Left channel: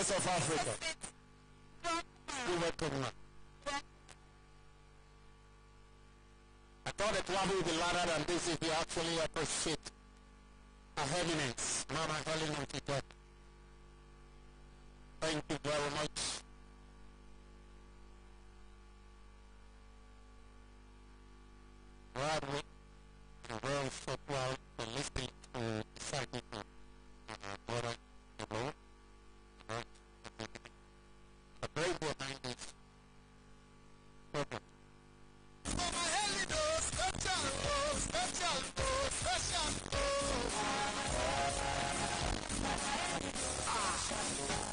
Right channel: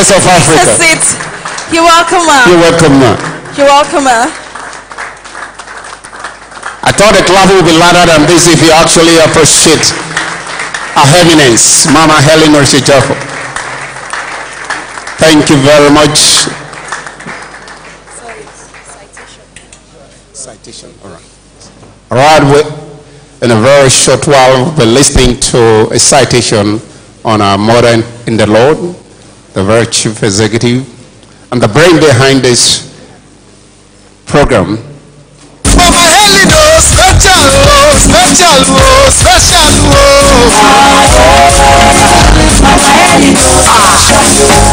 Miss of Africa. You're welcome, ma. You're welcome, ma. You're welcome, ma. I thought the clap would be louder than this if you actually appreciate Her Eminence, Mama Helen Oritsejafor. Thank you very much. Citation. All right. All right. In a very short while, we'll be listening to a citation on our mother in the Lord, the very chief executive, and the brain behind this program. Mama Helen, special.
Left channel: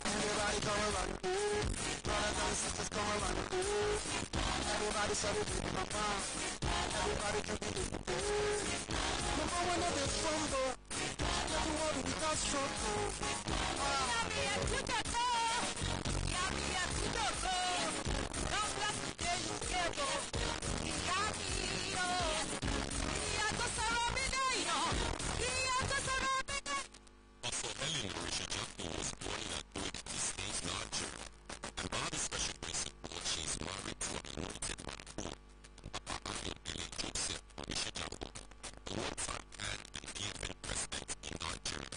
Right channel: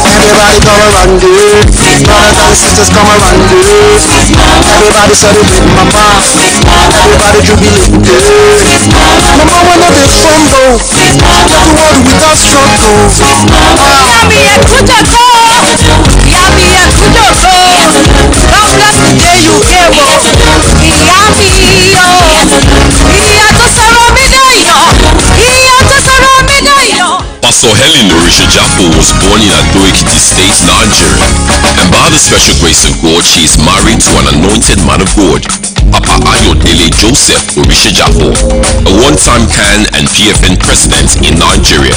Everybody come around it. Brothers and sisters come around it. Everybody celebrate Mama. Everybody jubilate it. Mama when they fumble, the world without struggle. God bless the day you gave us. Pastor Helen Oritsejafor was born in Ado-Ekiti State, Nigeria, and by the special grace of God, she is married to an anointed man of God, Papa Ayodele Joseph Oritsejafor, a one-time CAN and PFN president in Nigeria.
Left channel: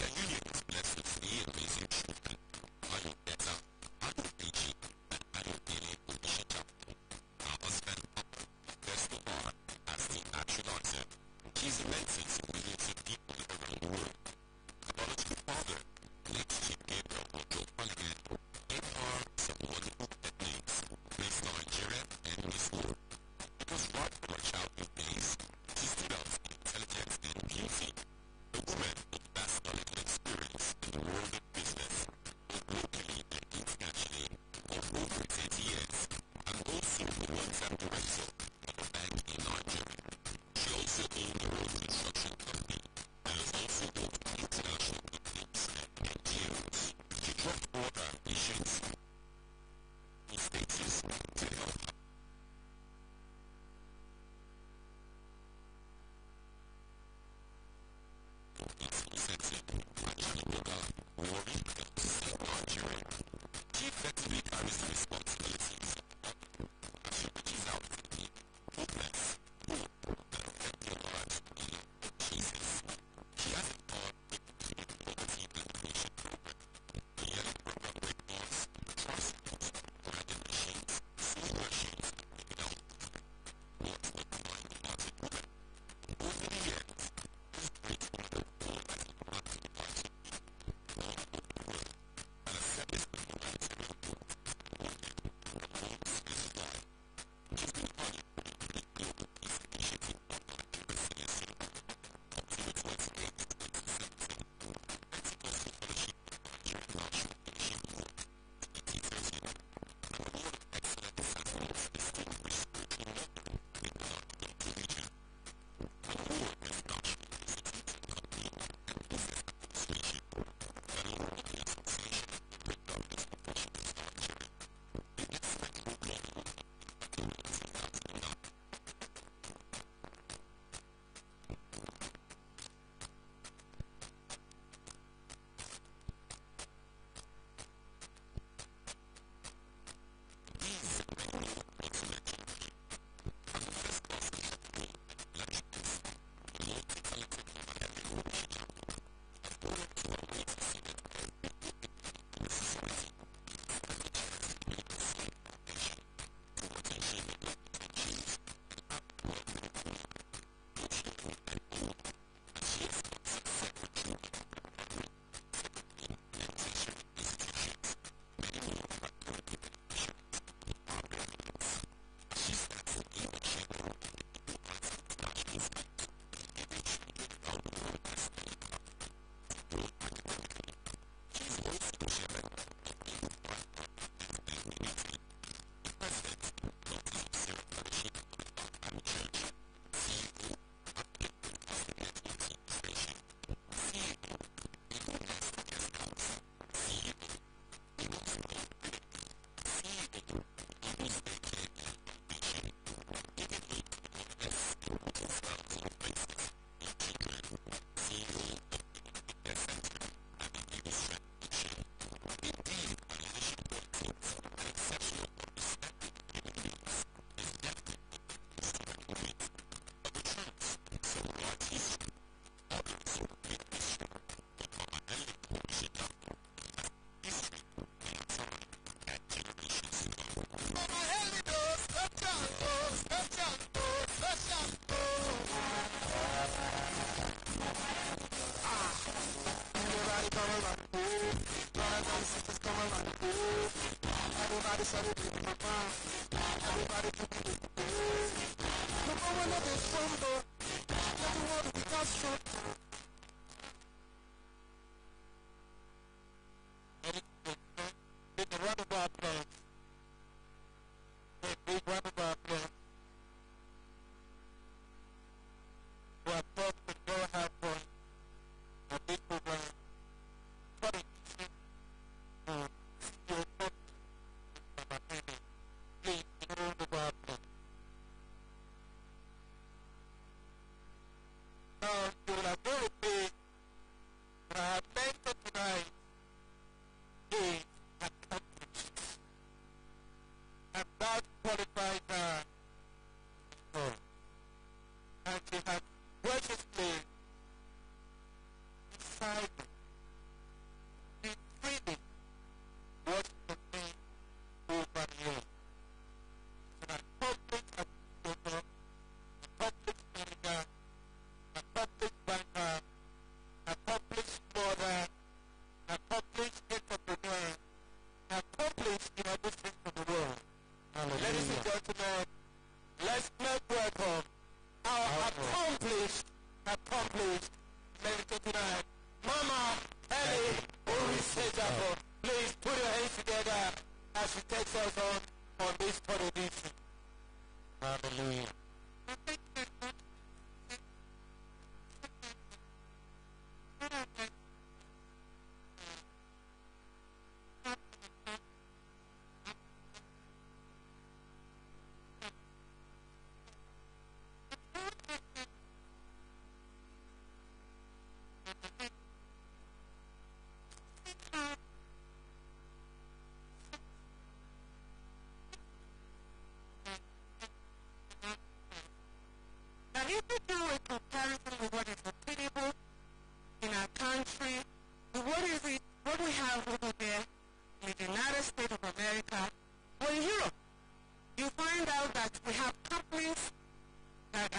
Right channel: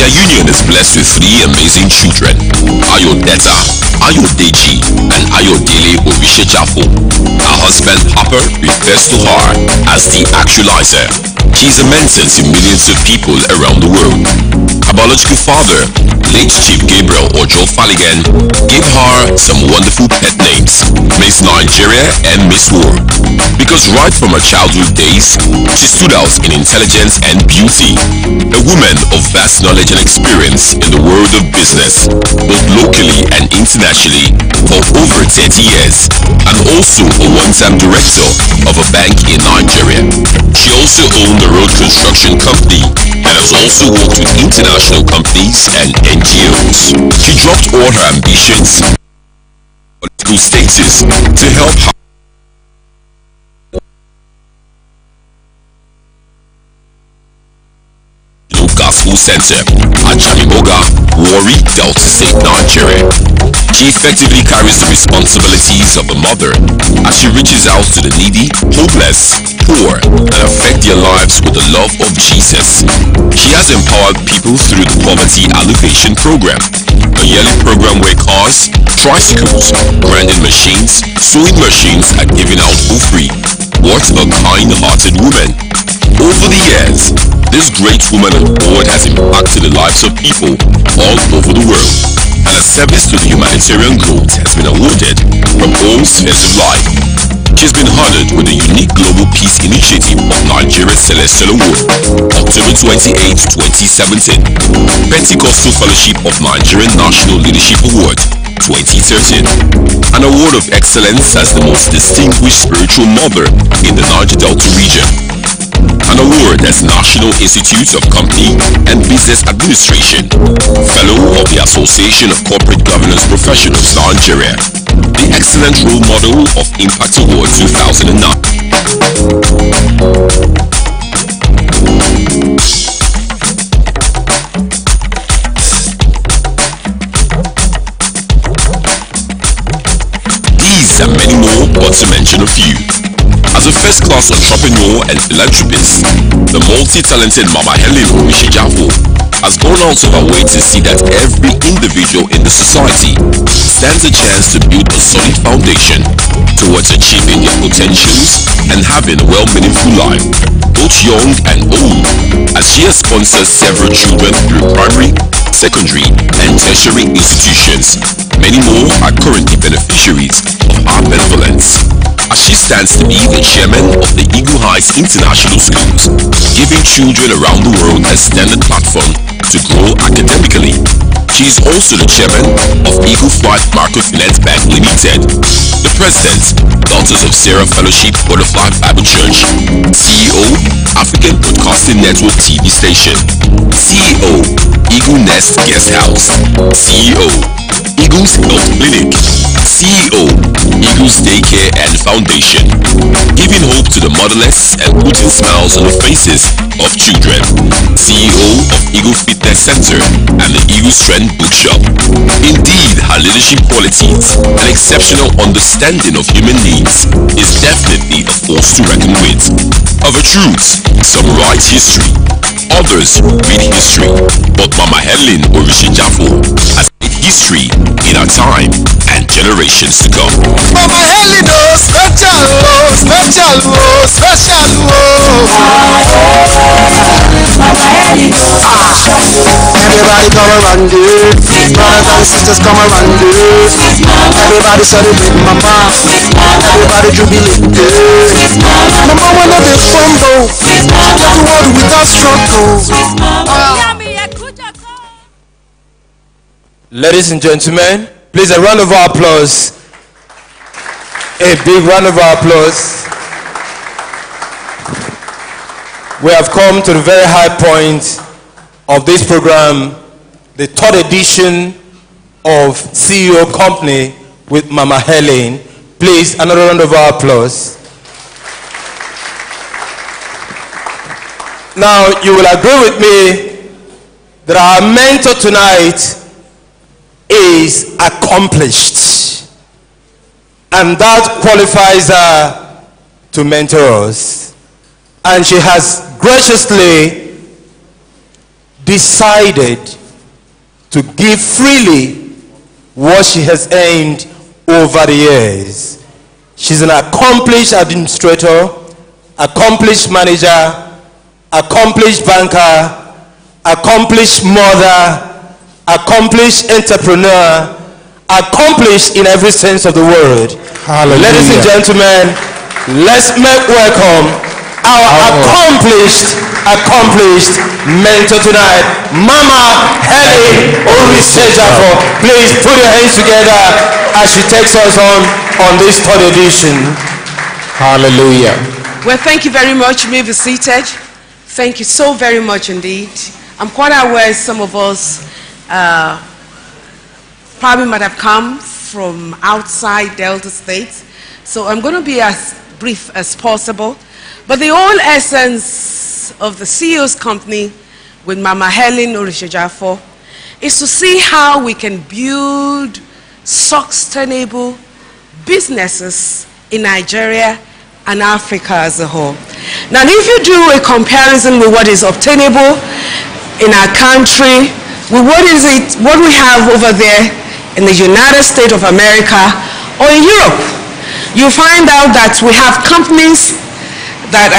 Their union is blessed with 3 amazing children, Ayodeta, Ayodeji, and Ayodele Oritsejafor. Her husband, Papa, refers to her as the actualizer. She is a mentor to millions of people around the world. Her biological father, late Chief Gabriel Ojo Faligan, gave her some wonderful pet names, Miss Nigeria and Miss War, because right from her childhood days, she stood out in intelligence and beauty. A woman of vast knowledge and experience in the world of business, both locally and internationally, for over 30 years, and also a one-time director of a bank in Nigeria. She also owned a road construction company and has also worked with international companies and NGOs. She dropped all her ambitions and political status to help her Gospel Center at Jamimoga, Warri, Delta State, Nigeria. She effectively carries the responsibilities of a mother as she reaches out to the needy, hopeless, poor, and affect their lives with the love of Jesus. She has empowered people through the Poverty Alleviation Program, a yearly program where cars, tricycles, grinding machines, sewing machines are given out for free. What a kind-hearted woman. Over the years, this great woman of God has impacted the lives of people all over the world, and her service to the humanitarian growth has been awarded from all spheres of life. She's been honored with the unique Global Peace Initiative of Nigeria Celestial Award, October 28, 2017, Pentecostal Fellowship of Nigerian National Leadership Award, 2013, an award of excellence as the most distinguished spiritual mother in the Niger Delta region, an award as National Institute of Company and Business Administration, Fellow of the Association of Corporate Governance Professionals Nigeria, the Excellent Role Model of Impact Award 2009. These and many more, but to mention a few. As a first-class entrepreneur and philanthropist, the multi-talented Mama Helen Oritsejafor has gone out of her way to see that every individual in the society stands a chance to build a solid foundation towards achieving their potentials and having a well-meaningful life, both young and old, as she has sponsored several children through primary, secondary, and tertiary institutions. Many more are currently beneficiaries of our benevolence, as she stands to be the chairman of the Eagle Heights International Schools, giving children around the world a standard platform to grow academically. She is also the chairman of Eagle Flight Microfinance Bank Limited, the president, Daughters of Sarah Fellowship Butterfly Bible Church, CEO, African Broadcasting Network TV station, CEO, Eagle Nest Guest House, CEO, Eagles Health Clinic, CEO, Eagles Daycare and Foundation, giving hope to the motherless and putting smiles on the faces of children, CEO of Eagle Fitness Center and the Eagle Strength Bookshop. Indeed, her leadership qualities and exceptional understanding of human needs is definitely a force to reckon with. Of a truth, some write history, others read history, but Mama Helen Oritsejafor has made history in our time and generations to come. Mama Helen, oh, special, oh, special, oh, special, oh. Everybody come around it. Brothers and sisters come around it. Everybody celebrate Mama. Everybody jubilate. Mama wanna be fumble. She get the world without struggle. Ladies and gentlemen, please a round of applause. A big round of applause. We have come to the very high point of this program, the third edition of CEO Company with Mama Helen. Please, another round of applause. Now, you will agree with me that our mentor tonight is accomplished, and that qualifies her to mentor us. And she has graciously decided to give freely what she has earned over the years. She's an accomplished administrator, accomplished manager, accomplished banker, accomplished mother, accomplished entrepreneur, accomplished in every sense of the word. Hallelujah. Ladies and gentlemen, let's make welcome our accomplished mentor tonight, Mama Helen Oritsejafor. Please put your hands together as she takes us on this third edition. Hallelujah. Well, thank you very much. You may be seated. Thank you so very much indeed. I'm quite aware some of us probably might have come from outside Delta State, so I'm going to be as brief as possible. But the whole essence of the CEO's Company with Mama Helen Oritsejafor is to see how we can build sustainable businesses in Nigeria and Africa as a whole. Now, if you do a comparison with what is obtainable in our country, with what we have over there in the United States of America or in Europe, you find out that we have companies that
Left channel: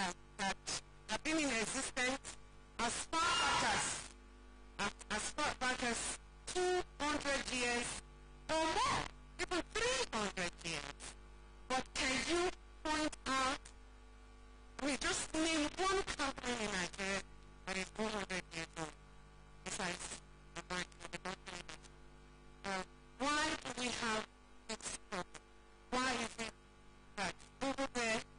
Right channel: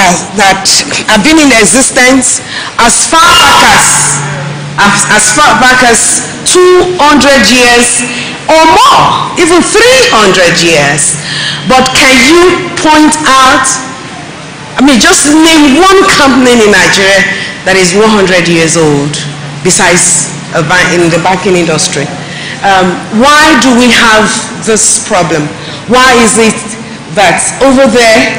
have been in existence as far back as 200 years or more, even 300 years. But can you point out, just name one company in Nigeria that is 100 years old besides in the banking industry? Why do we have this problem? Why is it that over there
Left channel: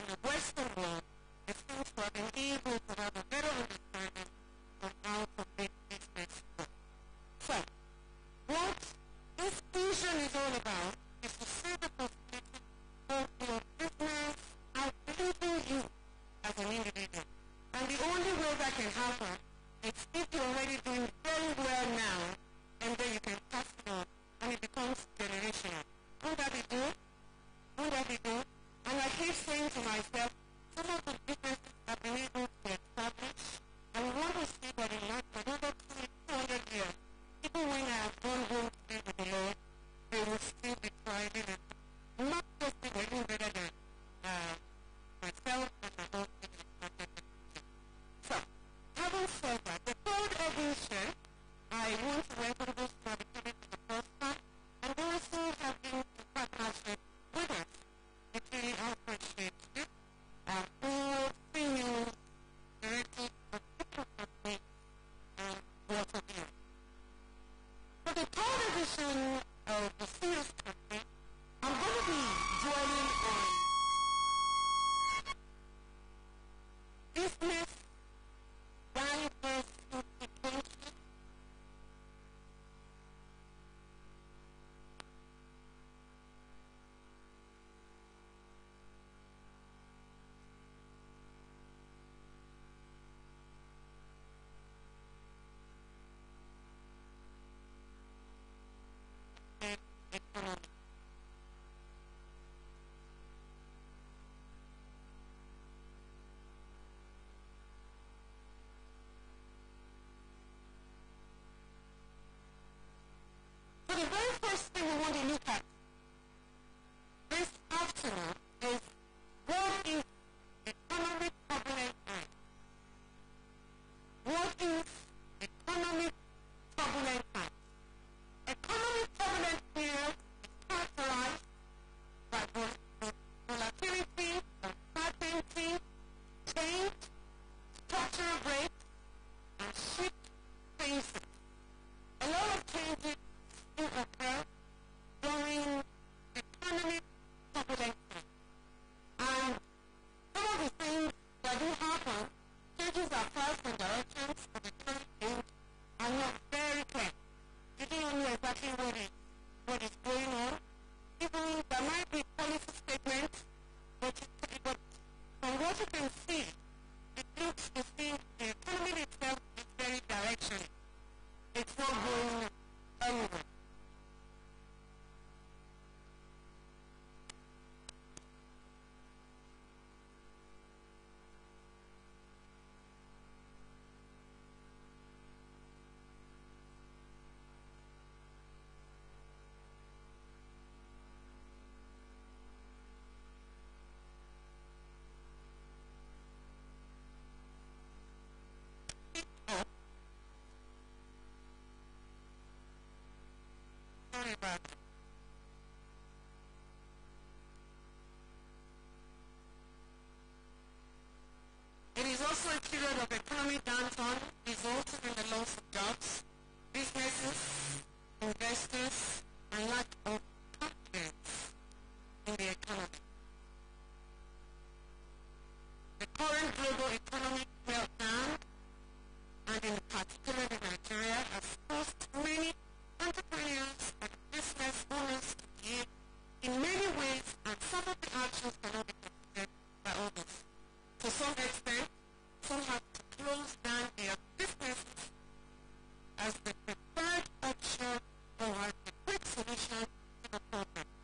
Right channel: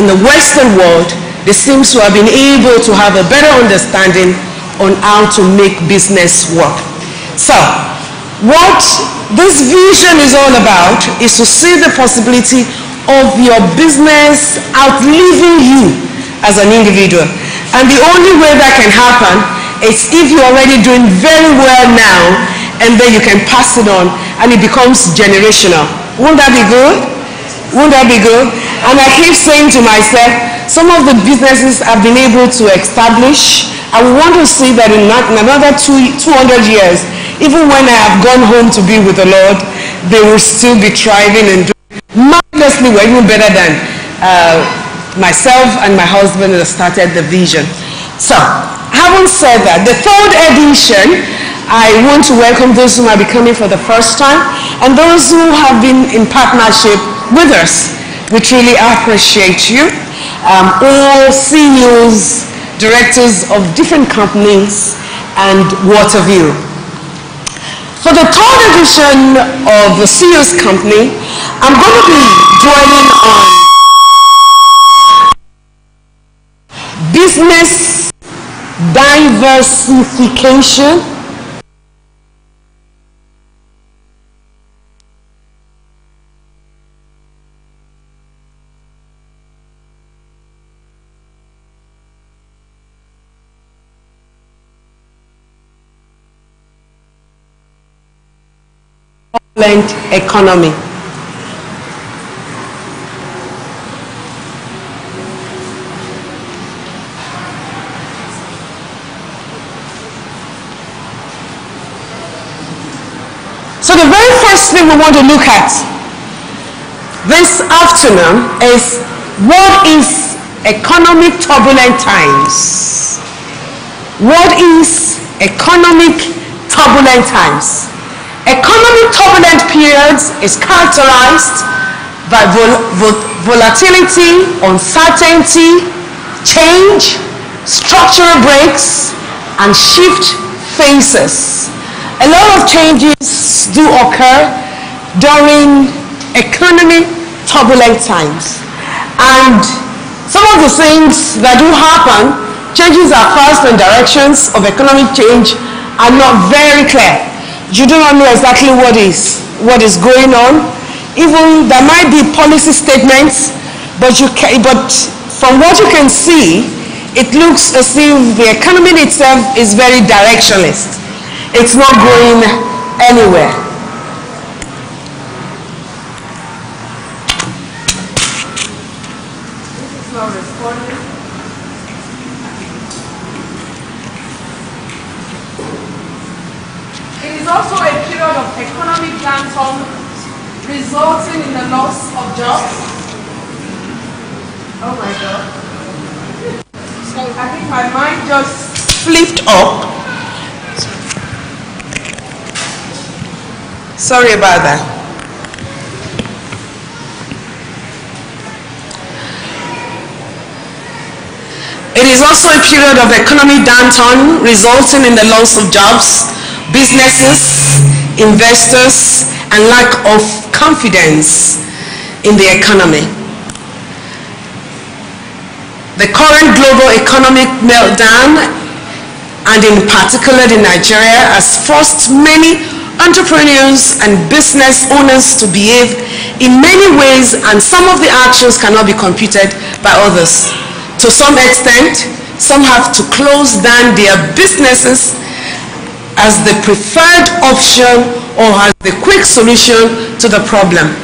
in the Western world, they seem to have been able to have a better understanding on how to make business work? So, what this vision is all about is to see the possibility of your business outliving you as an individual. And the only way that can happen is if you're already doing very well now, and then you can pass it on, and it becomes generational. Won't that be good? Won't that be good? And I keep saying to myself, some of the businesses I've been able to establish, I want to see that in another 200 years, even when I have gone home to be with the Lord, they will still be thriving and doing marvelously well, even better than myself and my husband that started the vision. So, having said that, the third edition, I want to welcome those who might be coming for the first time and those who have been in partnership with us. We truly appreciate you. All CEOs, directors of different companies, and what have you. For the third edition of the CEO's Company, I'm going to be dwelling on business diversification, turbulent economy. So the very first thing we want to look at this afternoon is what is economic turbulent times? What is economic turbulent times? Economic turbulent periods is characterized by volatility, uncertainty, change, structural breaks, and shift phases. A lot of changes do occur during economic turbulent times. And some of the things that do happen, changes are fast and directions of economic change are not very clear. You do not know exactly what is going on. Even there might be policy statements, but from what you can see, it looks as if the economy itself is very directionless. It's not going anywhere. This is not responding. It is also a period of economic downturn resulting in the loss of jobs. Oh my God. So I think my mind just flipped up. Sorry about that. It is also a period of economic downturn resulting in the loss of jobs, businesses, investors, and lack of confidence in the economy. The current global economic meltdown, and in particular in Nigeria, has forced many entrepreneurs and business owners to behave in many ways, and some of the actions cannot be computed by others. To some extent, some have to close down their businesses as the preferred option or as the quick solution to the problem.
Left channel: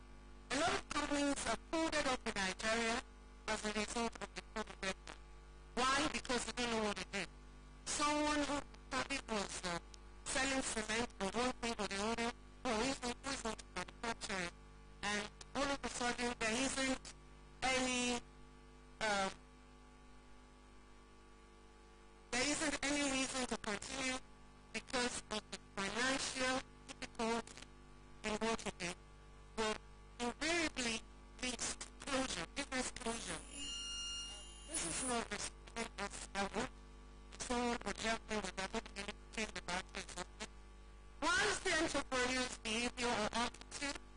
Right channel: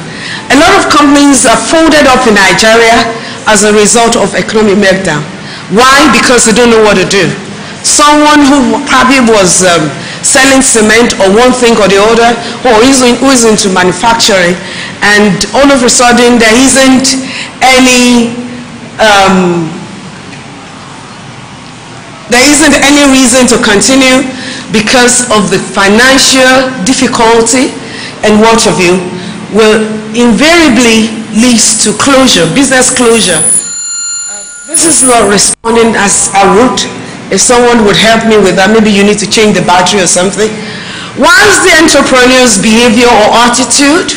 A lot of companies are folded up in Nigeria as a result of economic meltdown. Why? Because they don't know what to do. Someone who probably was selling cement or one thing or the other, or who is into manufacturing, and all of a sudden there isn't any reason to continue because of the financial difficulty and what have you, will invariably lead to closure, business closure. This is not responding as I would. If someone would help me with that, maybe you need to change the battery or something. Whilst the entrepreneur's behavior or attitude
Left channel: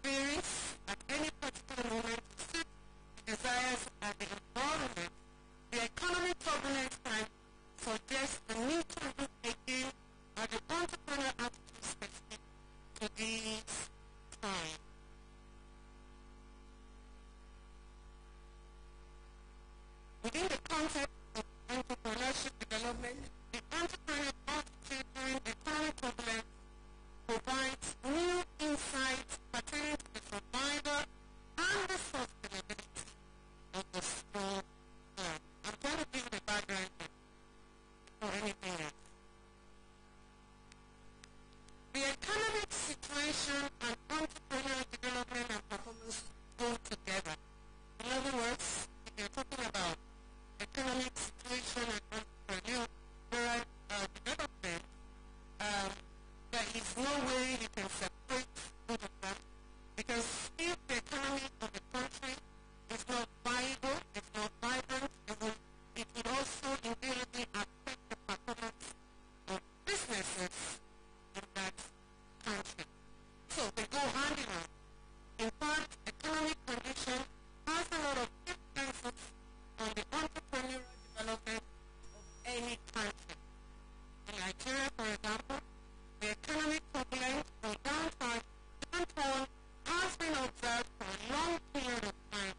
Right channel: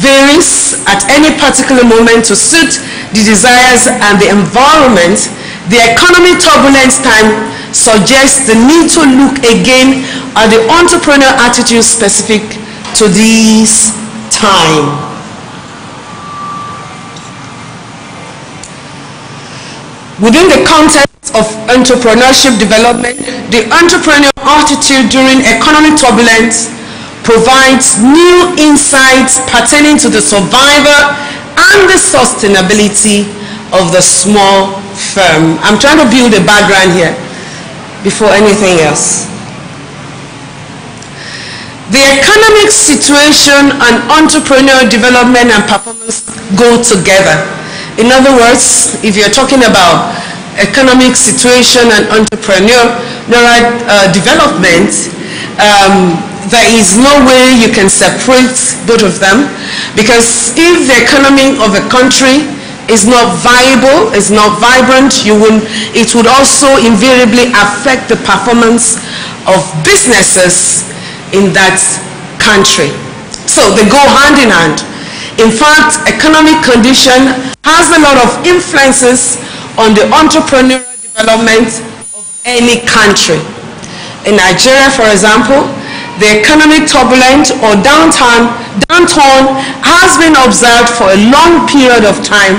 varies at any particular moment to suit the desires and the environment, the economic turbulence time suggests the need to look again at the entrepreneurial attitude specific to this time. Within the context of entrepreneurship development, the entrepreneurial attitude during economic turbulence provides new insights pertaining to the survival and the sustainability of the small firm. I'm trying to build a background here before anything else. The economic situation and entrepreneurial development and performance go together. In other words, if you're talking about economic situation and entrepreneurial development, there is no way you can separate both of them, because if the economy of a country is not viable, is not vibrant, it would also invariably affect the performance of businesses in that country. So they go hand in hand. In fact, economic condition has a lot of influences on the entrepreneurial development of any country. In Nigeria, for example, the economic turbulence or downturn has been observed for a long period of time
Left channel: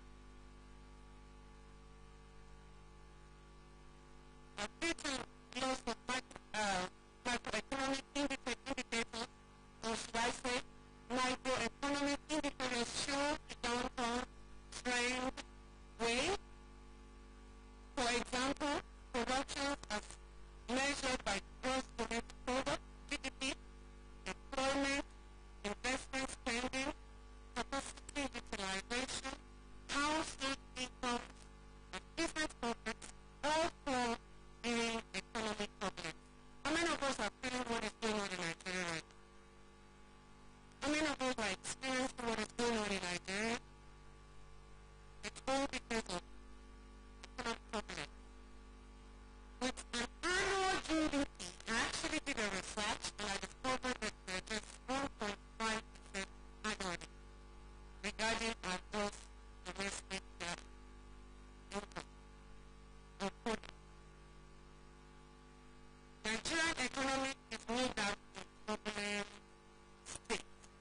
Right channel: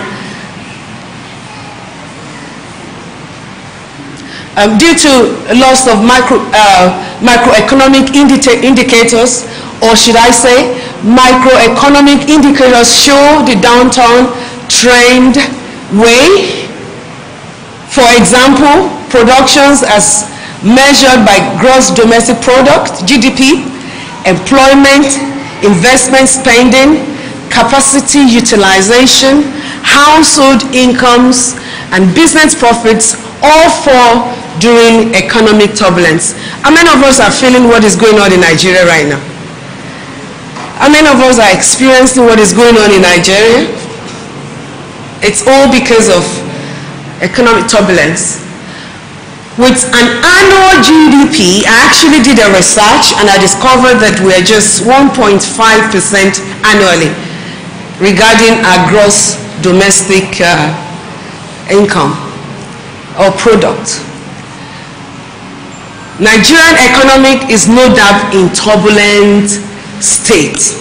due to loss of macroeconomic indicators or should I say, microeconomic indicators show the downturn trend way. For example, productions as measured by gross domestic product, GDP, employment, investment spending, capacity utilization, household incomes, and business profits all fall during economic turbulence. How many of us are feeling what is going on in Nigeria right now? How many of us are experiencing what is going on in Nigeria? It's all because of economic turbulence. With an annual GDP, I actually did a research and I discovered that we are just 1.5% annually regarding our gross domestic income or product. Nigerian economic is no doubt in turbulent state.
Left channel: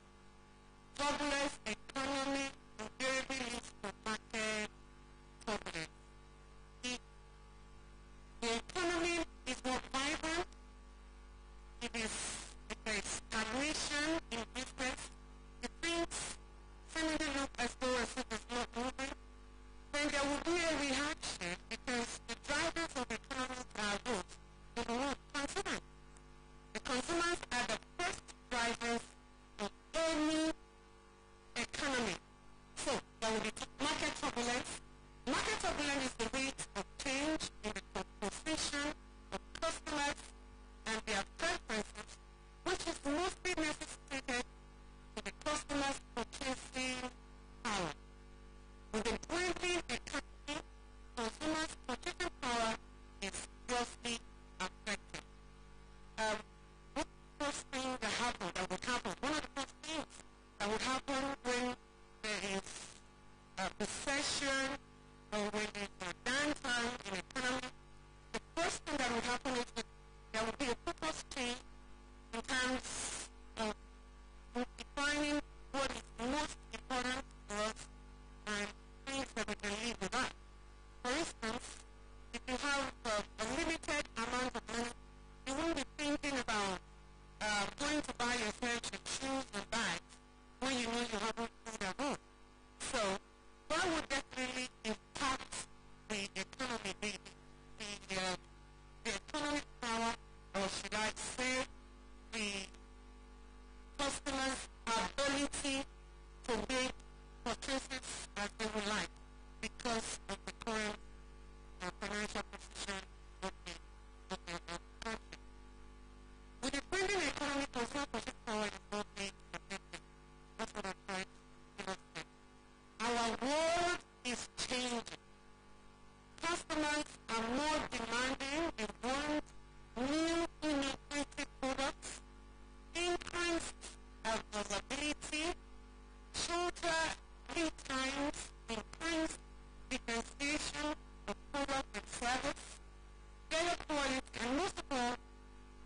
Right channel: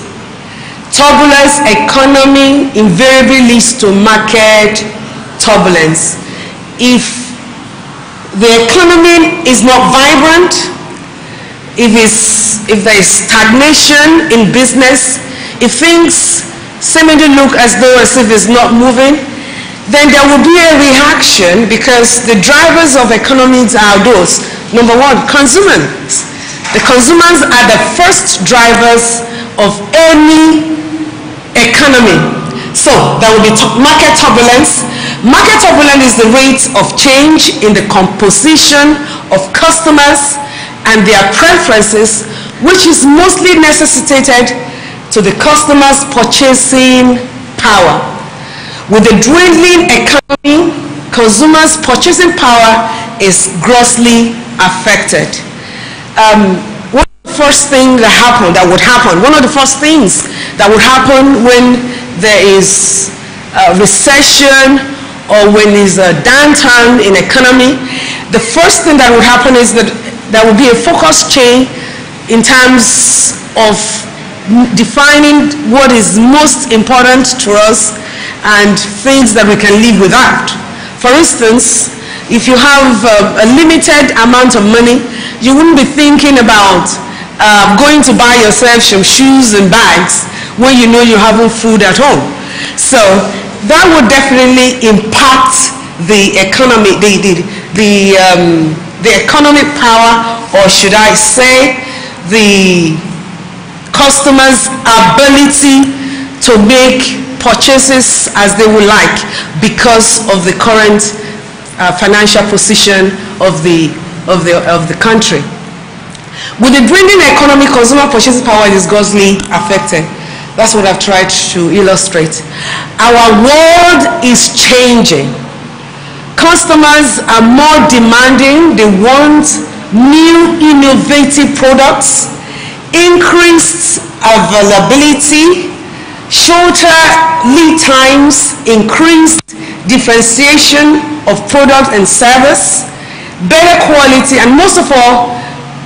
Turbulent economy invariably leads to market turbulence. If the economy is not vibrant, if there is stagnation in business, if things seemingly look as if it's not moving, then there will be a reaction, because the drivers of economies are those. Number one, consumers. The consumers are the first drivers of any economy. So there will be market turbulence. Market turbulence is the rate of change in the composition of customers and their preferences, which is mostly necessitated to the customer's purchasing power. With the dwindling economy, consumers' purchasing power is grossly affected. One of the first things that would happen, one of the first things that would happen when there is a recession or when there's a downturn in economy, the first thing that would happen is that there will be a focus change in terms of defining what is most important to us and things that we can live without. For instance, if you have a limited amount of money, you wouldn't be thinking about going to buy yourself some shoes and bags when you know you haven't food at home. So that would definitely impact the economy, the economic power, or should I say, the customers' ability to make purchases as they would like because of the current financial position of the country. With the dwindling economy, consumer purchasing power is grossly affected. That's what I've tried to illustrate. Our world is changing. Customers are more demanding. They want new innovative products, increased availability, shorter lead times, increased differentiation of product and service, better quality, and most of all,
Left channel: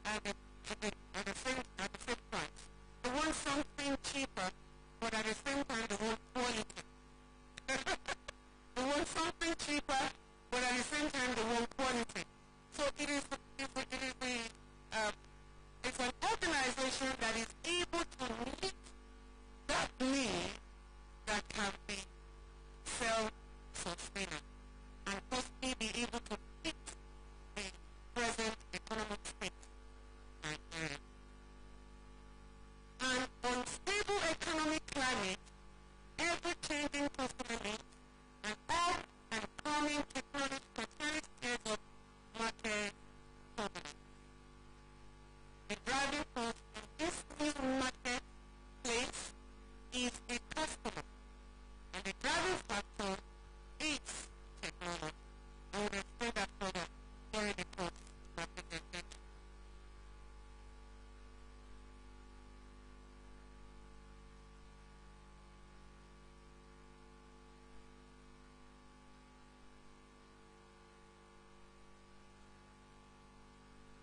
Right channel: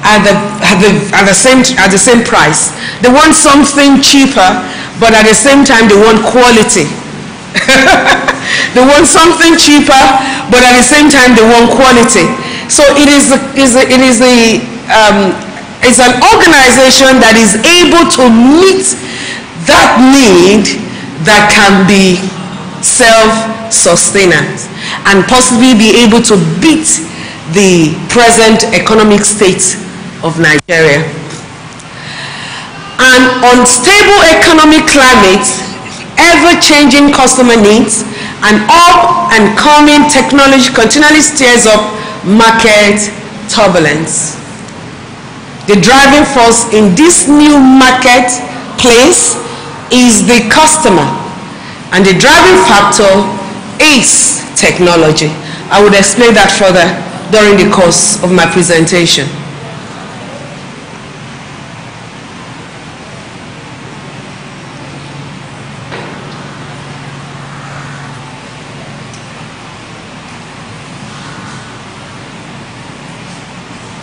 at the same price. They want something cheaper, but at the same time they want quality. They want something cheaper, but at the same time they want quality. So it's an organization that is able to meet that need that can be self-sustained and possibly be able to beat the present economic state of Nigeria. An unstable economic climate, ever-changing customer needs, and up-and-coming technology continually stirs up market turbulence. The driving force in this new marketplace is the customer, and the driving factor is technology. I would explain that further during the course of my presentation.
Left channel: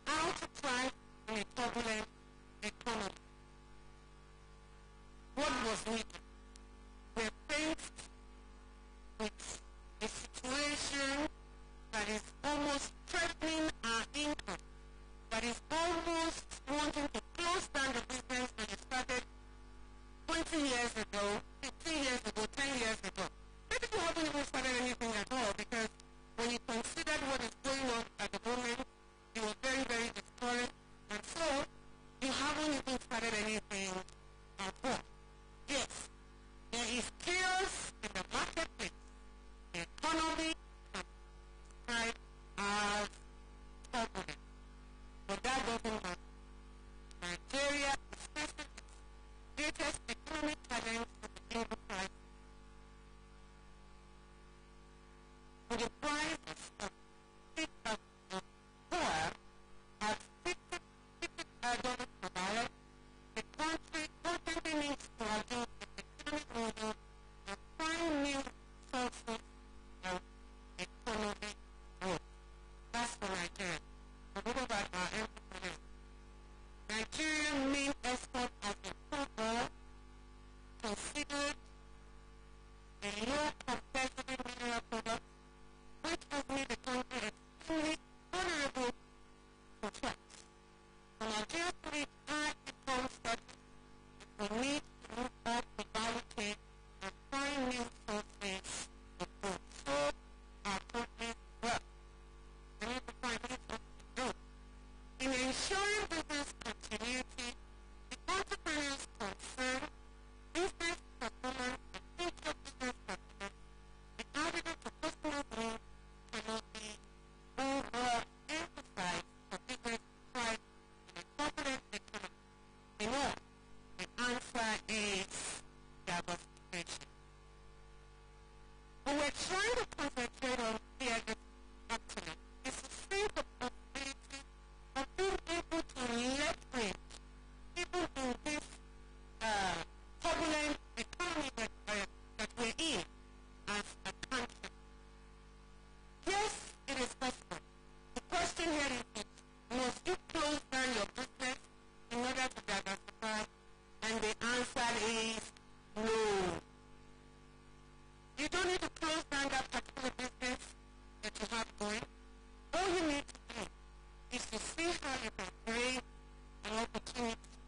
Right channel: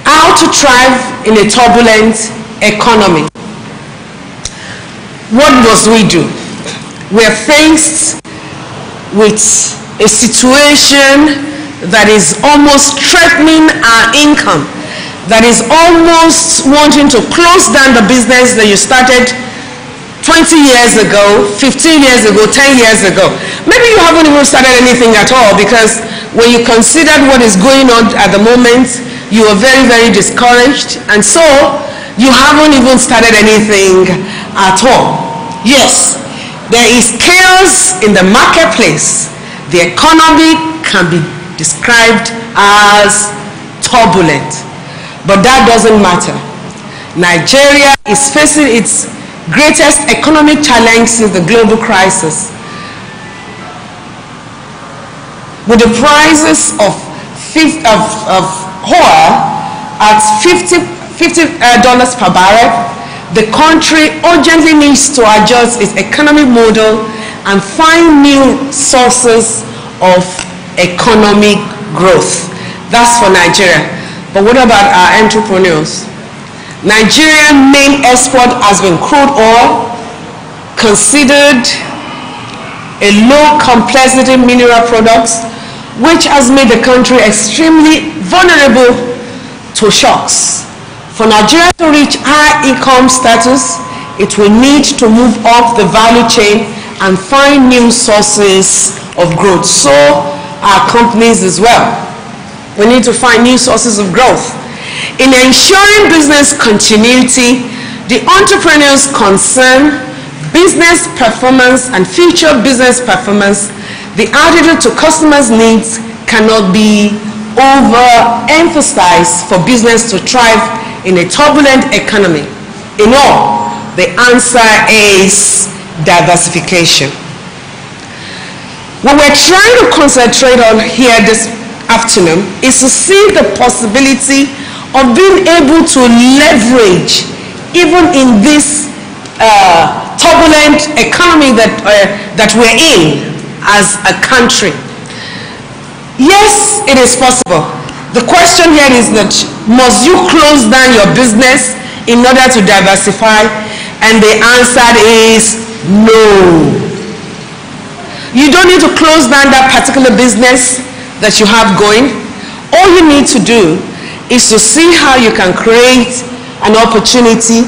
How to thrive in a turbulent economy. What must we do? We are faced with a situation that is almost threatening our income. that is almost wanting to close down the business that you started 20 years ago, 15 years ago, 10 years ago. Maybe you haven't even started anything at all, because when you considered what is going on at the moment, you are very, very discouraged, and so you haven't even started anything at all. Yes, there is chaos in the marketplace. The economy can be described as turbulent, but that doesn't matter. Nigeria is facing its greatest economic challenge since the global crisis, with the prices of oil at $50 per barrel. The country urgently needs to adjust its economic model and find new sources of economic growth. That's for Nigeria. But what about our entrepreneurs? Nigeria's main export has been crude oil, considered a low complexity mineral products, which has made the country extremely vulnerable to shocks. For Nigeria to reach high income status, it will need to move up the value chain and find new sources of growth. So our companies as well. We need to find new sources of growth. In ensuring business continuity, the entrepreneurs concerned business performance and future business performance, the attitude to customers' needs cannot be overemphasized for business to thrive in a turbulent economy. In all, the answer is diversification. What we're trying to concentrate on here this afternoon is to see the possibility of being able to leverage, even in this turbulent economy that we're in as a country. Yes, it is possible. The question here is that, must you close down your business in order to diversify? And the answer is no. You don't need to close down that particular business that you have going. All you need to do is to see how you can create an opportunity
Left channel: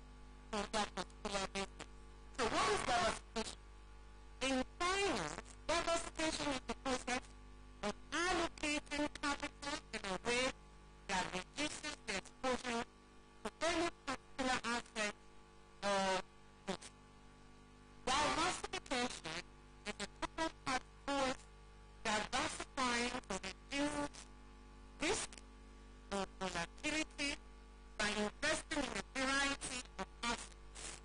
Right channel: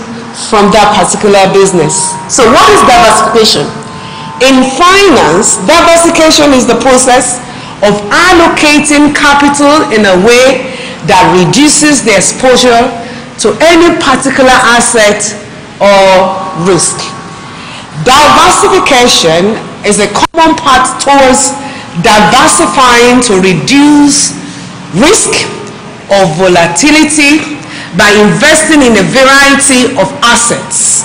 from that particular business. So what is diversification? In finance, diversification is the process of allocating capital in a way that reduces the exposure to any particular asset or risk. Diversification is a common path towards diversifying to reduce risk or volatility by investing in a variety of assets.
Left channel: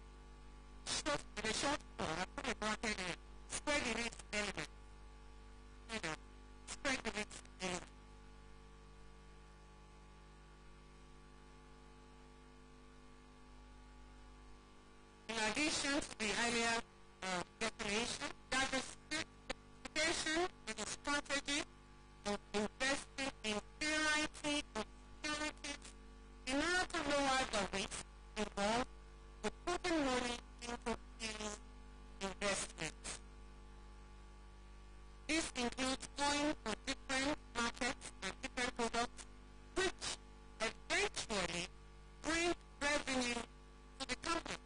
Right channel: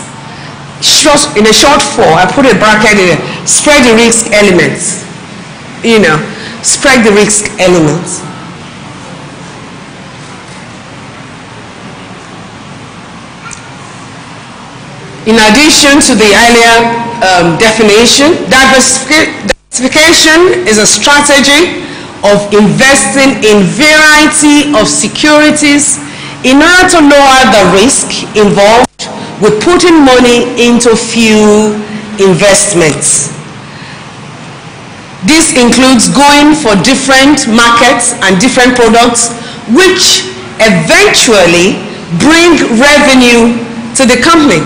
In a short form, I put a bracket in there, spread the risk elements. Spread the risk elements. In addition to the earlier definition, diversification is a strategy of investing in variety of securities in order to lower the risk involved with putting money into few investments. This includes going for different markets and different products which eventually bring revenue to the company.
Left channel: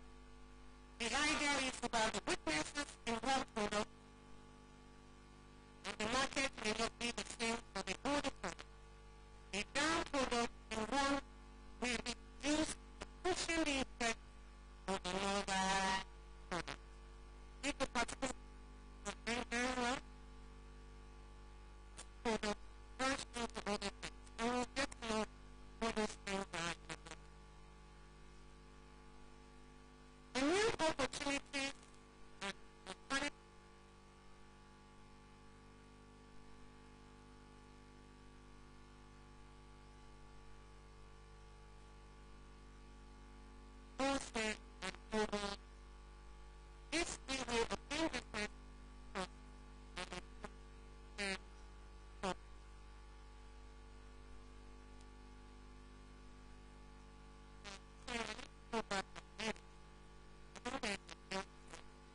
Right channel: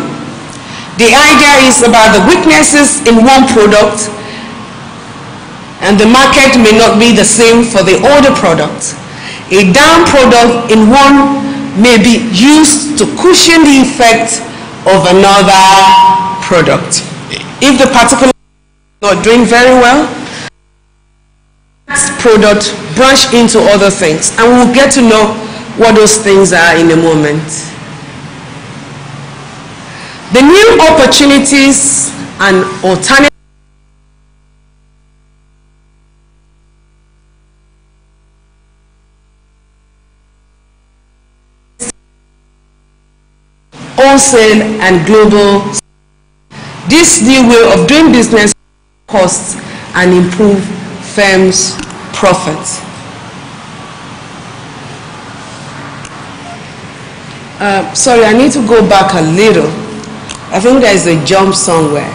The idea is about the weaknesses in one product, and the market may not be the same for the other product. A down product in one may be used to cushion the effect of another product. If the particular is not doing very well, product branch into other things, and we'll get to know what those things are in a moment. The new opportunities and alternatives wholesale and global. This new way of doing business costs and improve firms' profits. Sorry, I need to go back a little. I think there is a jump somewhere.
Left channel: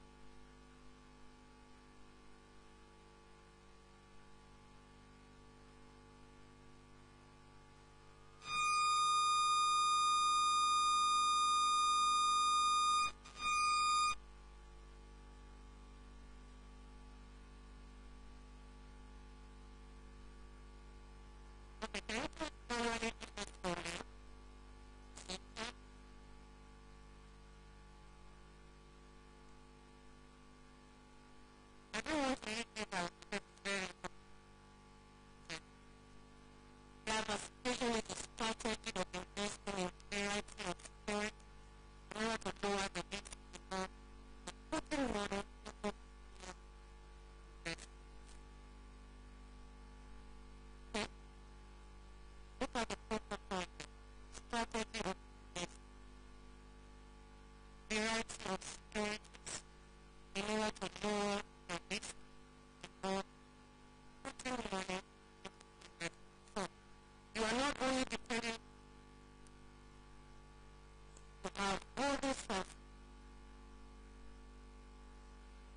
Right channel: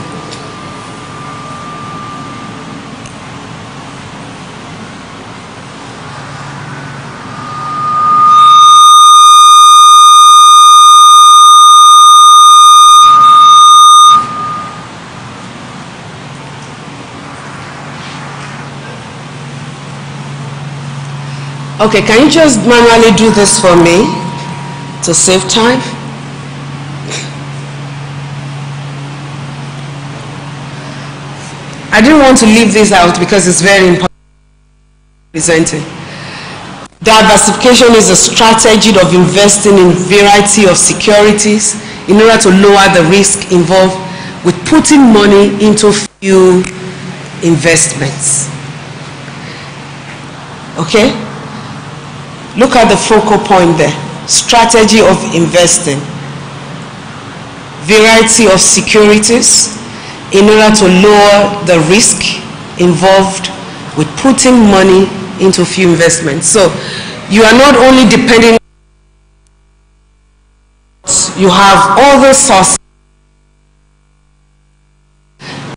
Okay, can you just manually do this for me to save time? I didn't want to leave this out because it's very important presenting. Diversification is a strategy of investing in a variety of securities in order to lower the risk involved with putting money into few investments. Okay? Look at the focal point there. Strategy of investing. Variety of securities in order to lower the risk involved with putting money into few investments. So you are not only depending on, you have other sources.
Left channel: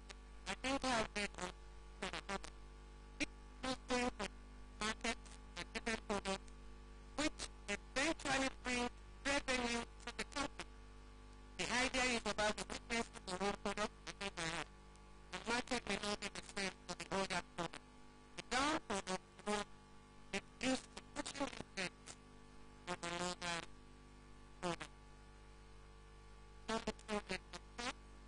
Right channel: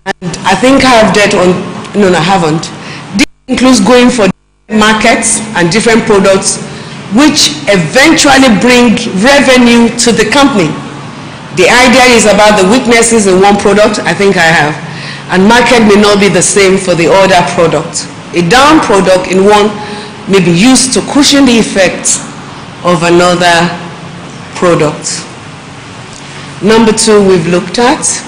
And I think I have that on, no, I haven't. This includes going for markets and different products which eventually bring revenue to the company. The idea is about the weaknesses in one product, I think I have. And market may not be the same for the other product. A down product in one may be used to cushion the effects of another product. Number 2 we've looked at.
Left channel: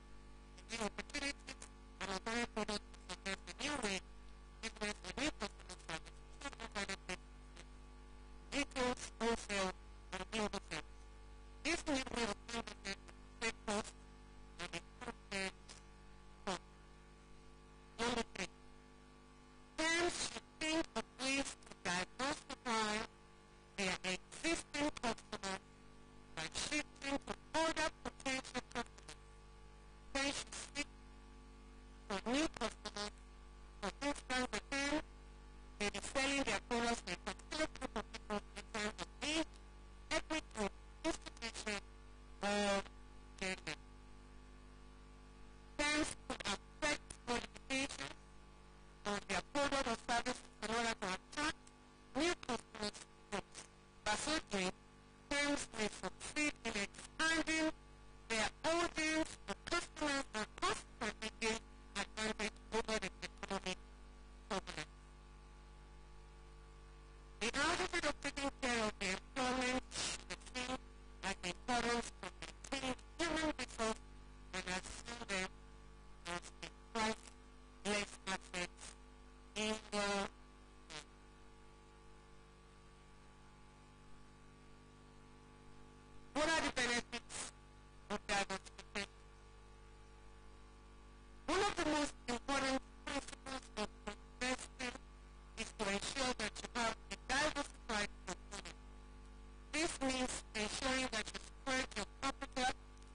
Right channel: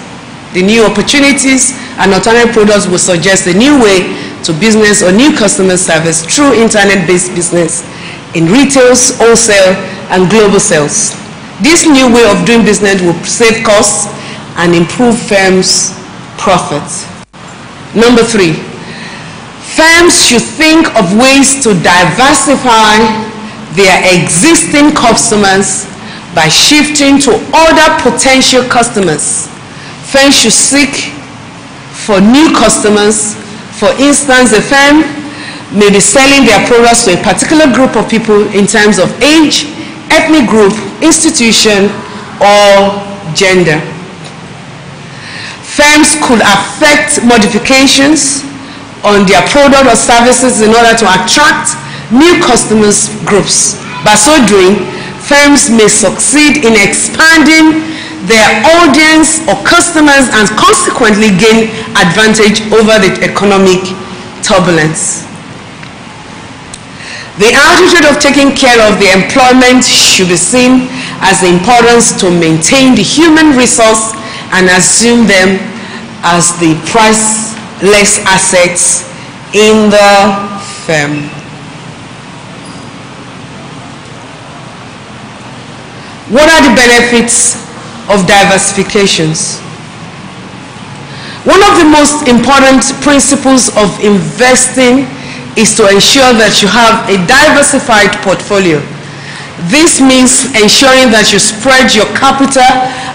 The new opportunities and alternative products will suggest a new way to business or new customer service through internet-based business in retail, wholesale, and global sales. This new way of doing business will save costs and improve firms' profits. Number 3, firms should think of ways to diversify their existing customers by shifting to other potential customers. Firms should seek for new customers. For instance, a firm may be selling their products to a particular group of people in terms of age, ethnic group, institution, or gender. Firms could affect modifications on their product or services in order to attract new customers groups. By so doing, firms may succeed in expanding their audience or customers and consequently gain advantage over the economic turbulence. The attitude of taking care of the employment should be seen as the importance to maintain the human resource and assume them as the priceless assets in the firm. What are the benefits of diversifications? One of the most important principles of investing is to ensure that you have a diversified portfolio. This means ensuring that you spread your capital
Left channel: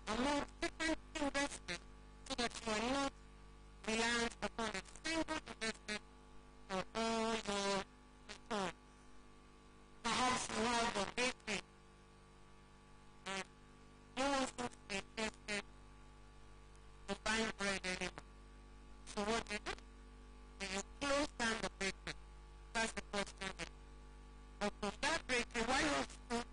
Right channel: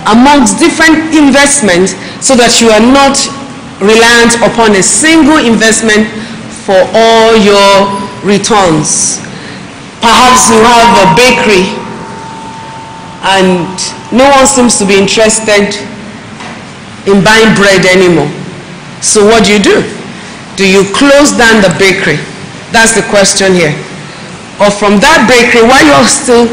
amongst different investments so that you are not reliant upon a single investment for all your returns. Perhaps you have a bakery and no one seems to be interested in buying bread anymore. So what do? Do you close down the bakery? That's the question here. Or from that bakery, while you're still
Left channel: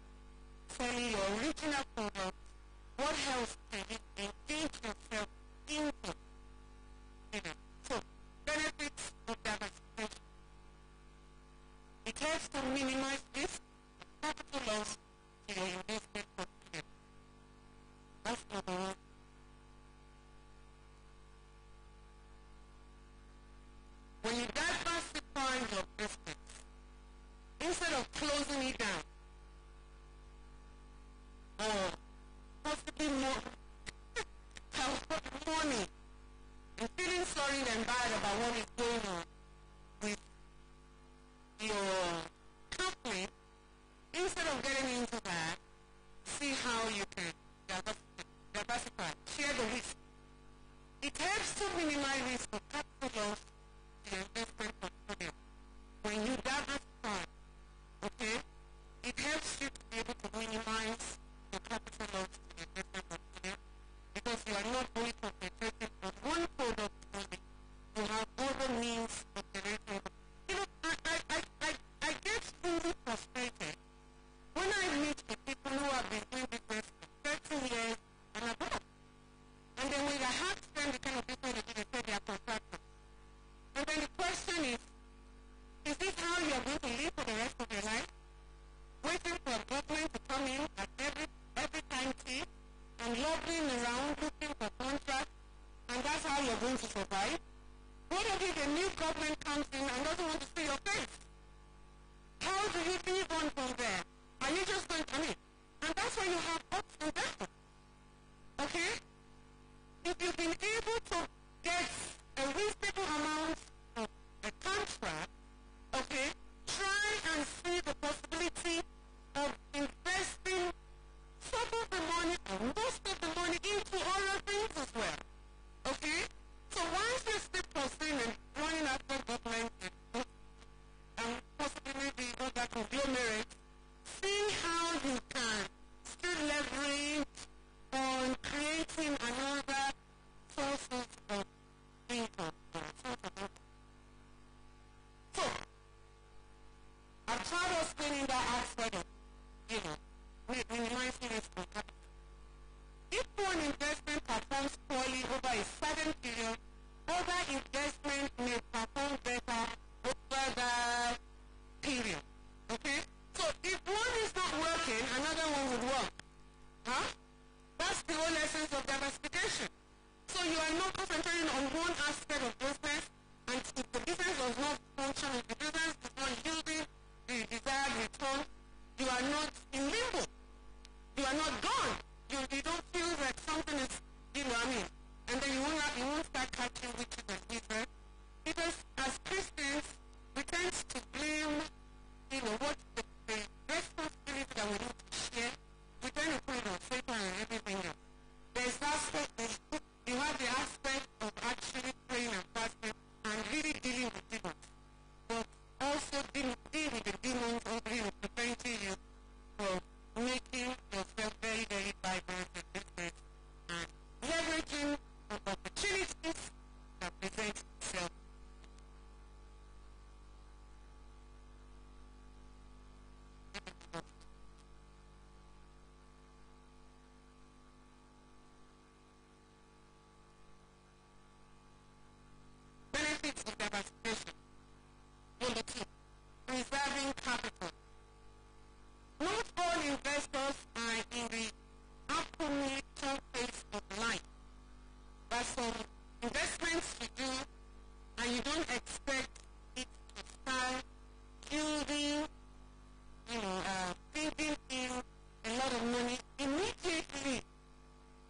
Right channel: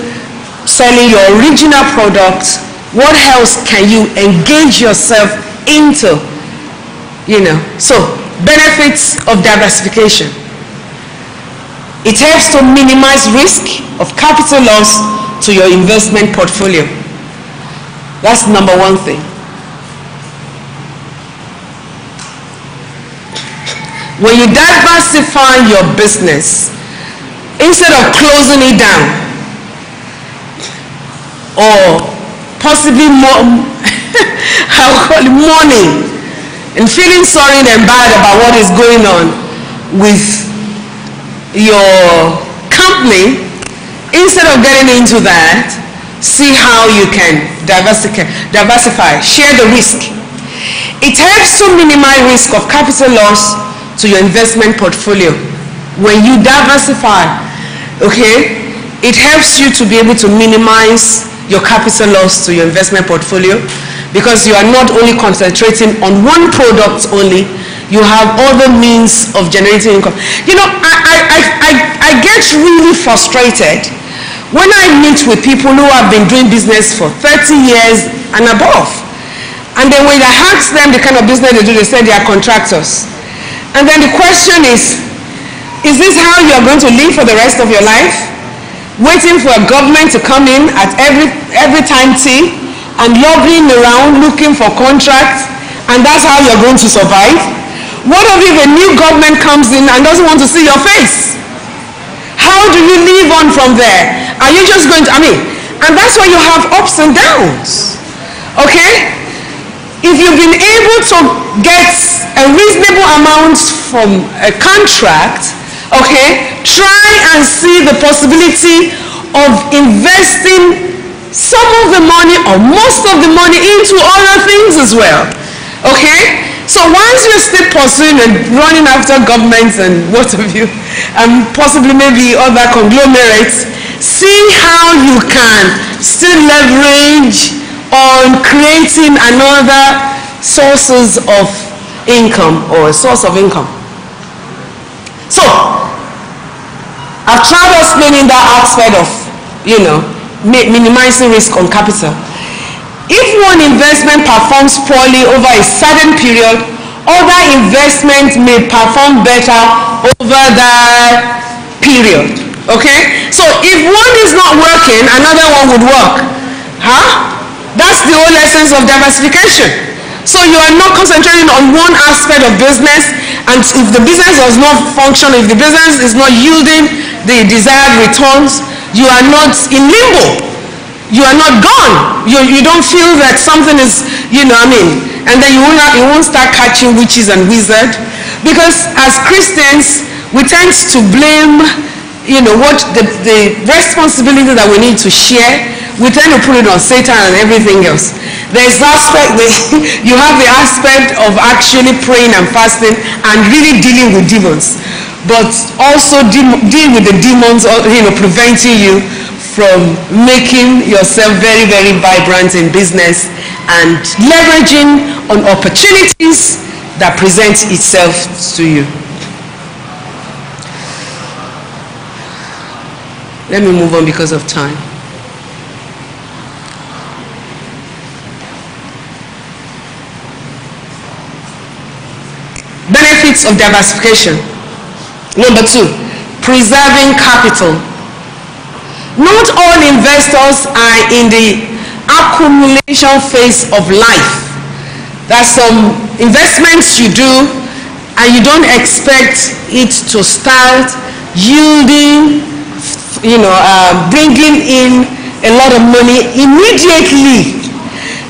selling your original products, what else can you engage yourself into? So benefits of diversification. It helps to minimize risk of capital loss to your investment portfolio. That's number 1 thing. When you diversify your business, instead of closing it down or possibly mourning and feeling sorry and bad about what is going on with your company, instead of getting into that, see how you can diversify, share the risk. It helps to minimize risk of capital loss to your investment portfolio. When you diversify, okay, it helps you to be able to minimize your capital loss to your investment portfolio because you are not only concentrating on one product only, you have other means of generating income. I get really frustrated when I meet with people who have been doing business for 30 years and above. And then when I ask them the kind of business they do, they say they are contractors. And then the question is Is this how you are going to live for the rest of your life? Waiting for a government to come in at every time tea and lobbying around looking for contracts, and that's how you're going to survive? What if a new government comes in and doesn't want to see your face? How do you live on from there? Are you just going to, and that's why you have ups and downs. Okay? If you've been able to get a reasonable amount from a contract, okay, try and see the possibility of investing some of the money or most of the money into other things as well. Okay? So once you're still pursuing and running after governments and what have you, and possibly maybe other conglomerates, see how you can still leverage on creating another sources of income or a source of income. So, I've tried explaining that aspect of, minimizing risk on capital. If one investment performs poorly over a certain period, other investments may perform better over that period. Okay? So if one is not working, another one would work. That's the whole essence of diversification. So you are not concentrating on one aspect of business, and if the business does not function, if the business is not yielding the desired returns, you are not in limbo. You are not gone. You don't feel that something is, and then you won't start catching witches and wizards, because as Christians we tend to blame, what the responsibility that we need to share, we tend to put it on Satan and everything else. There's aspect, you have the aspect of actually praying and fasting and really dealing with demons, but also deal with the demons, preventing you from making yourself very, very vibrant in business and leveraging on opportunities that present itself to you. Let me move on because of time. Benefits of diversification. Number 2, preserving capital. Not all investors are in the accumulation phase of life. There's some investments you do and you don't expect it to start yielding, bringing in a lot of money immediately.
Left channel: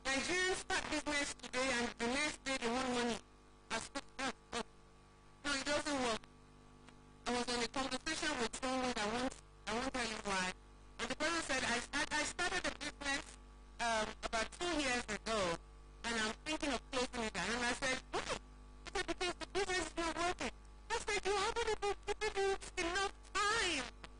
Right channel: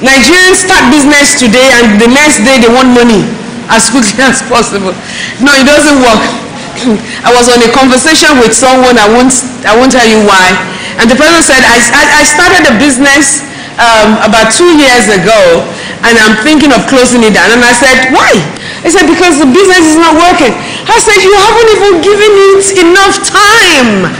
Nigerians start business today and the next day they want money as quickly as possible. No, it doesn't work. I was on a conversation with someone, I won't tell you why, and the person said, I started a business about 2 years ago and I'm thinking of closing it down. And I said, why? He said, because the business is not working. I said, you haven't even given it enough time.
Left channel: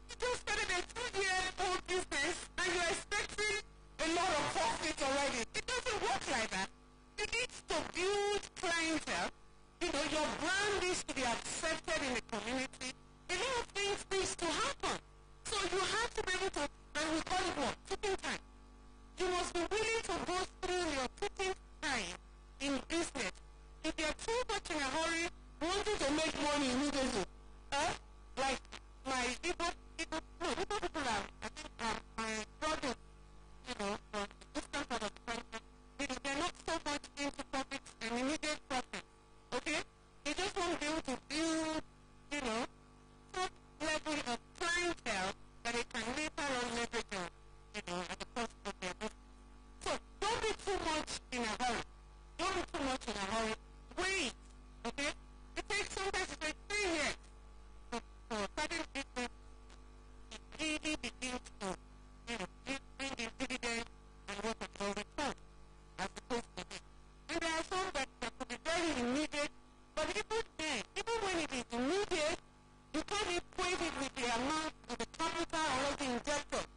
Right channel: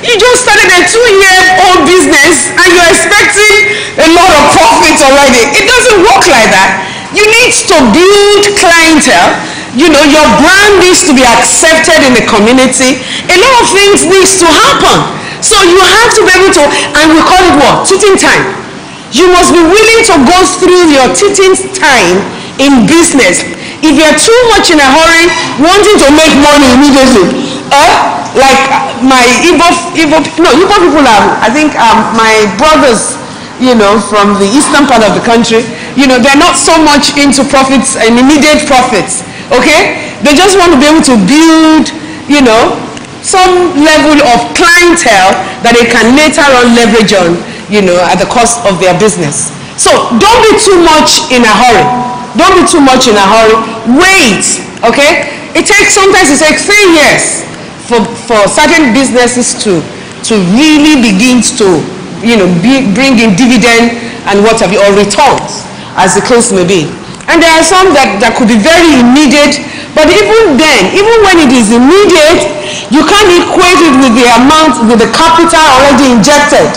You just started a 2-year-old business and you're expecting a lot of profits already. It doesn't work like that. You need to build clientele. Your brand needs to be accepted in the community. A lot of things needs to happen. So you have to be able to, and we call it what? Teething time. You must be willing to go through your teething time in business. If you're too much in a hurry, wanting to make money immediately, like my Igbo people are, I think my brothers, from the eastern part of the country, they're not so much into profits and immediate profits. Okay? They just want to be able to build, some level of clientele that they can later on leverage on, at the cost of their business. So don't be too much in a hurry. Don't be too much in a hurry. Wait, okay? Sometimes it takes 3 years for certain businesses to really begin to, bring in dividend and what have you, or returns, as the case may be. And there are some that could be very immediate, but even then, even when it is immediate, you can't equate it with the amount, with the capital already injected.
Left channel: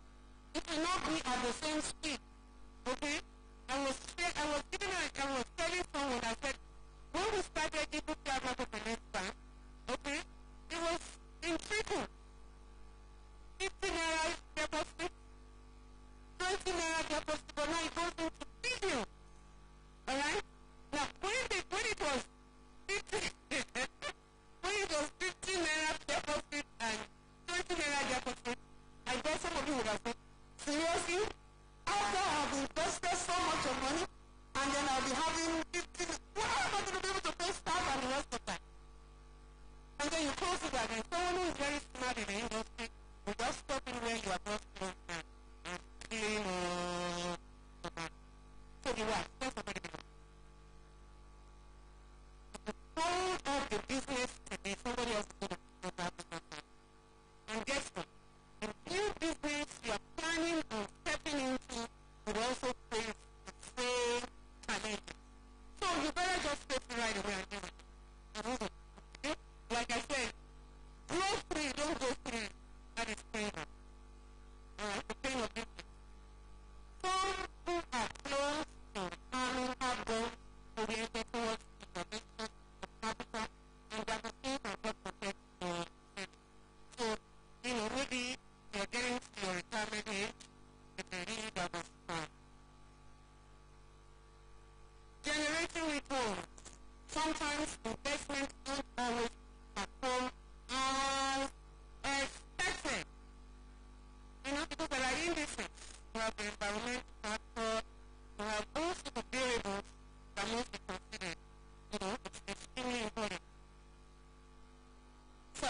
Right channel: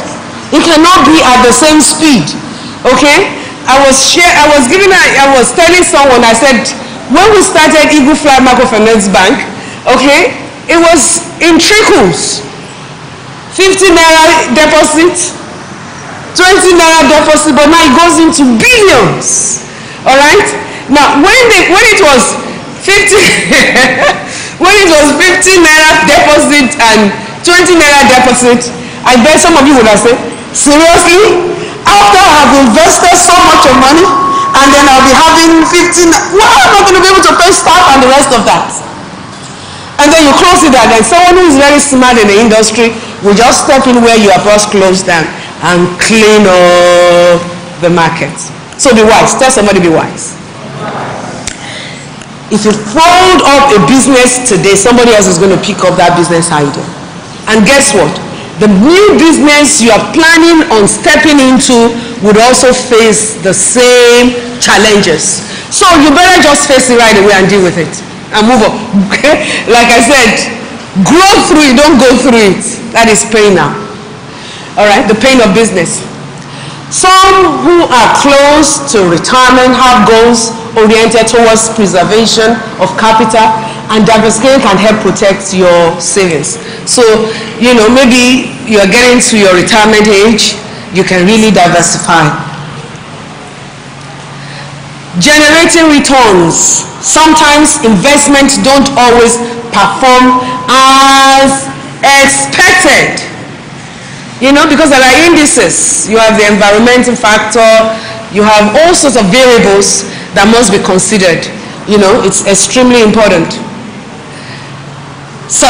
It cannot be at the same speed. Okay? I was telling someone, I said, when we started Eagle Fly Microfinance Bank, okay, it was in trickles. 50 naira deposit, 20 naira deposit, but now it goes into billions. All right? Now, when it was 50, When it was 15 naira deposit and 20 naira deposit, I bet some of you would have said, seriously? After I have invested so much of money, and then I'll be having 15, well, I'm not going to be able to pay staff and the rest of that. And then you close it down, and someone who is very smart in the industry will just step in where you are first closed down and clean up the market. So be wise. Tell somebody be wise. If you fold up a business today, somebody else is going to pick up that business idea. And guess what? The new business you are planning on stepping into would also face the same challenges. So you better just face it right away and deal with it and move on. Like I said, grow through it, don't go through it. That is pain now. All right, the pain of business. Some who are close to retirement have goals oriented towards preservation of capital, and diversification can help protect your savings. So, you know, maybe you are getting to your retirement age, you can really diversify. Generating returns. Sometimes investments don't always perform as expected. You know, because there are indices. You have the environmental factor, you have all sorts of variables that must be considered. You know, it's extremely important. So,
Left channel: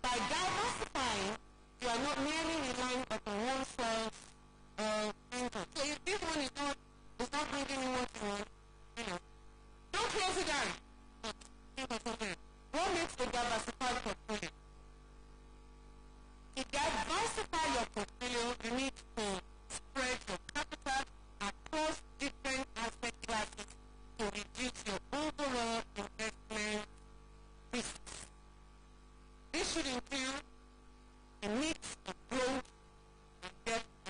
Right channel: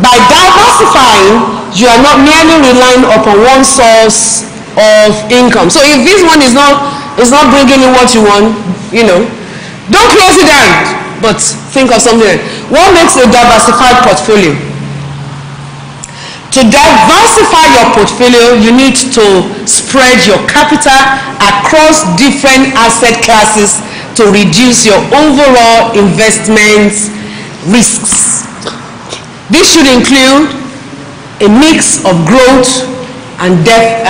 by diversifying, you are not merely relying upon one source of income. So if this one is not bringing you what you want, you know, don't close it down, but think of something else. What makes a diversified portfolio? To diversify your portfolio, you need to spread your capital across different asset classes to reduce your overall investment risks. This should include a mix of growth and debt